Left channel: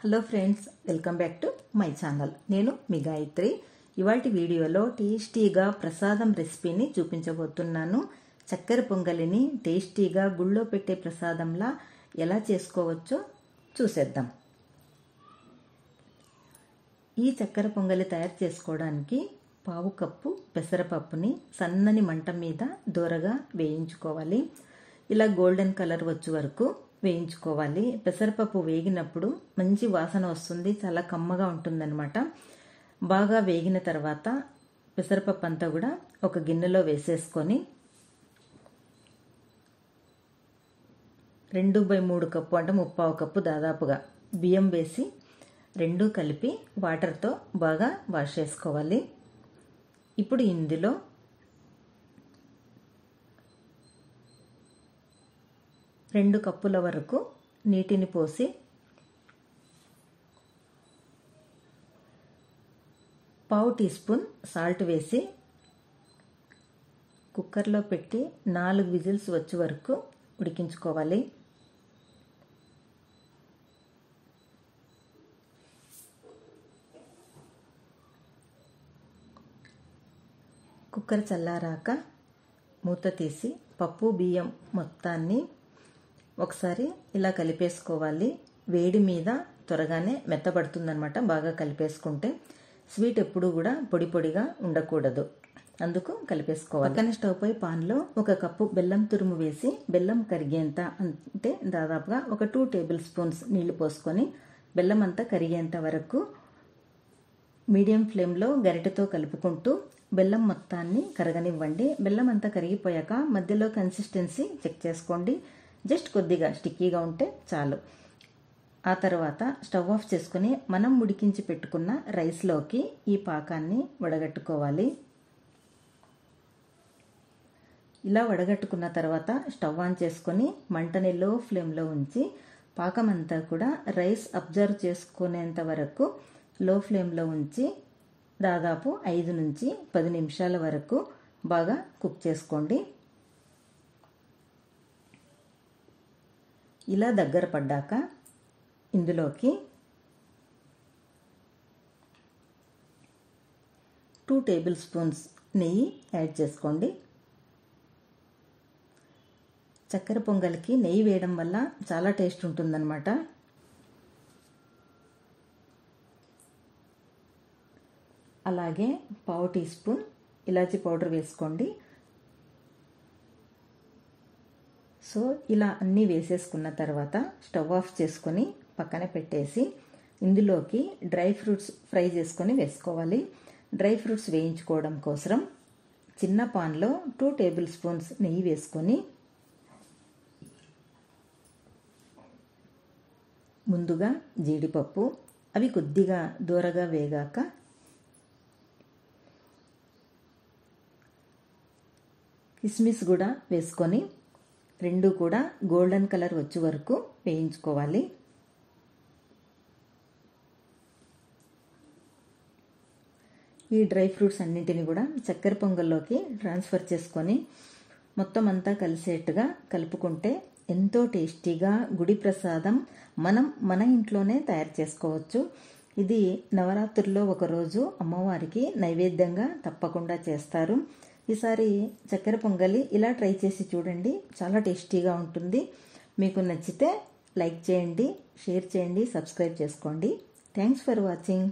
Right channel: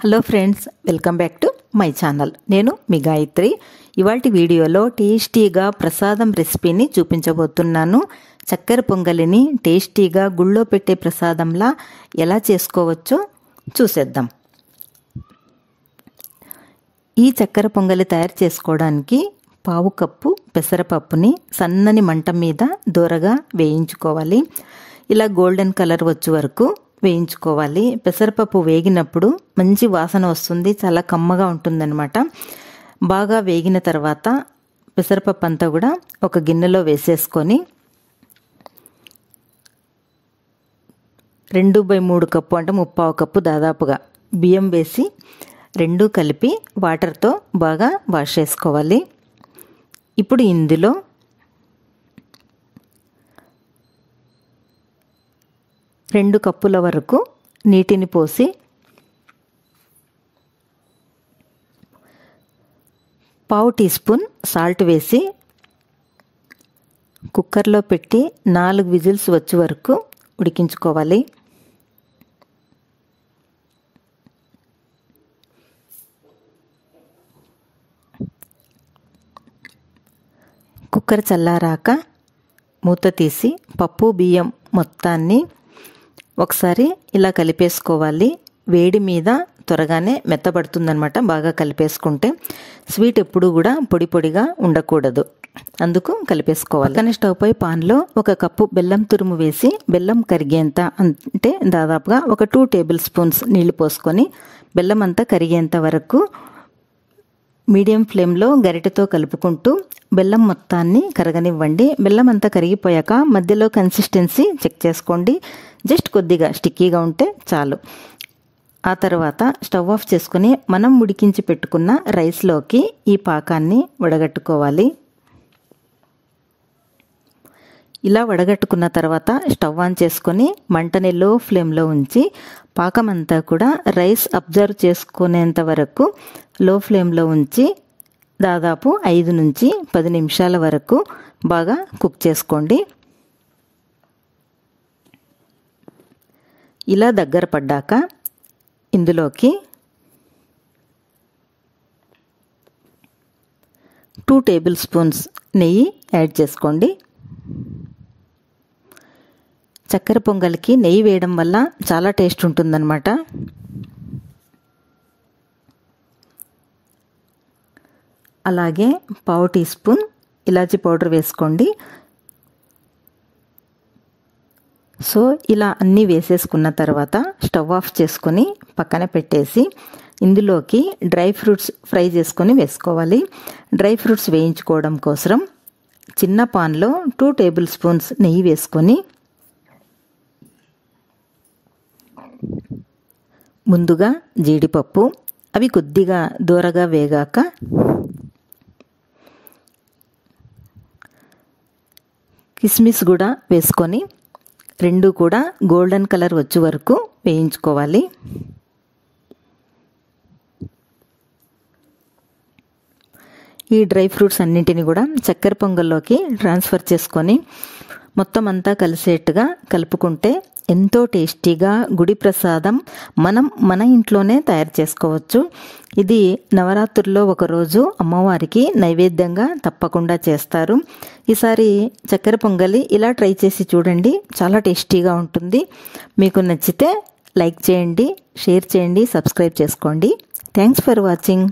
Hello friends, welcome back to my channel. నేను మీ గాయత్రి. ఇవాల్టి వీడియోలో టేస్టీగా ప్రసాదం రెసిపీని చూపించబోతున్నాను. చక్కెర పొంగలిని టేస్టీగా గుళ్ళో పెట్టే ప్రసాదంలా ఎలా చేసుకోవచ్చో చూసేద్దాం. ఈ చక్కెర పొంగలి తయారు చేసుకోవడానికి పావు కప్పు పెసరపప్పుని సన్నని మంట మీద దోరగా వేయించుకోవాలి. ఇలా గోల్డెన్ కలర్ వచ్చే వరకు వేయించుకోవాలి. పెసరపప్పు వేగినప్పుడు మంచి వాసన వస్తుంది, చాలా కమ్మగా ఉంటుందన్నమాట. బాగా వేగిన తర్వాత పెసరపప్పు అంతా కూడా ఒక గిన్నెలో వేసేసుకొని 2/3 కప్పు అంటే 3/4 కప్పు దాదాపుగా బియ్యం వేసి రెండు కలిపి వాటర్తో బాగా వాష్ చేసుకోవాలి. ఇప్పుడు ఇందులో 2 కప్పుల వరకు నీటిని పోసి పావు టీ స్పూన్ సాల్ట్ వేసి కుక్కర్లో పెట్టి 4 విజిల్స్ వచ్చే వరకు ఉడికించుకోవాలి. కుక్కర్ చల్లారాక మూత తీసి పప్పు బియ్యం మొత్తాన్ని ఒకసారి ఇలా కలిపేసుకోవాలి. వేడి మీద త్వరగానే మెత్తబడుతుందన్నమాట బాగా కలిపేసుకుంటే. స్వీట్ ఎప్పుడు కూడా పొడి పొడిగా ఉండకూడదు, అందుకు కలిపేసుకోవాలి. కానీ స్టవ్ పై పాన్లో 1 కప్పు బెల్లం తురుము వేసి బెల్లం కరిగేంత, అంటే దాదాపుగా ఒక 2 టేబుల్ స్పూన్స్ నీళ్లు పోసుకొని బెల్లం అంతా కరిగేంత వరకు మీడియం ఫ్లేమ్లో గరిటెతో కలుపుకుంటూ బెల్లం మొత్తాన్ని కరగనివ్వండి. బెల్లం అంతా కరిగిపోయాక మధ్యలో కన్సిస్టెన్సీ చెక్ చేసుకోండి. జస్ట్ కొద్దిగా స్టిక్కీగా ఉంటే చాలు. ఆ తర్వాత స్టవ్ ఆఫ్ చేసుకుని మనం ఉడికించి పెట్టుకున్న రైస్లోకి ఈ పాకాన్ని వడగట్టుకోవాలి. ఇలా వడగట్టుకున్న తర్వాత స్టవ్ ఆన్ చేసుకొని మంటని లో ఫ్లేమ్లో ఉంచి పాకం అంతా కూడా రైస్ అబ్జర్వ్ చేసుకునేంత వరకు లో ఫ్లేమ్లో ఉంచి దాదాపు 5 నుంచి 10 నిమిషాల వరకు బాగా కుక్ చేసుకోండి. ఇలా దగ్గర పడ్డాక ఇందులోకి 2 టేబుల్ స్పూన్స్ నెయ్యి యాడ్ చేసుకోండి. చక్కెర పొంగలికి నెయ్యి వేయడం వల్ల చాలా టేస్ట్ ఉంటుందన్నమాట. అలాగే పావు టీ స్పూన్ ఇలాచీ పౌడర్ వేసుకోండి. సో ఇలా అన్నీ వేసేసుకున్న తర్వాత స్టవ్ ఆఫ్ చేసుకొని పక్కన పెట్టేసి ఇందులోకి డ్రై ఫ్రూట్స్ ఫ్రై చేసుకొని వేసుకోవాలి. డ్రై ఫ్రూట్స్ వేయించుకోవడం కోసం చిన్న పాన్లో 2 టేబుల్ స్పూన్స్ నెయ్యి వేసుకొని ముందుగా జీడిపప్పు అవి కొద్దిగా దూరగా వేగాక కిస్మిస్ కూడా వేసుకొని రెండు కూడా గోల్డెన్ కలర్ వచ్చే వరకు వేయించుకోవాలి. ఈ డ్రై ఫ్రూట్స్ అన్నింటిని కూడా చక్కెర పొంగల్లోకి ట్రాన్స్ఫర్ చేసుకొని మొత్తం అంతా కలిసేట్టుగా కలుపుకుంటే ఎంతో టేస్టీగా గుడి ప్రసాదం మనం మన ఇంట్లోనే తయారు చేసుకోవచ్చు. ఇది నవరాత్రుల్లో ఒకరోజు అమ్మవారికి నైవేద్యంగా తప్పకుండా చేస్తారు. ఈసారి చక్కెర పొంగలి ఇలా ట్రై చేసి చూడండి, చాలా టేస్టీగా ఉంటుంది. మీకు నచ్చితే లైక్ చేయండి, షేర్ చేయండి, సబ్స్క్రైబ్ చేసుకోండి. Thanks for watching.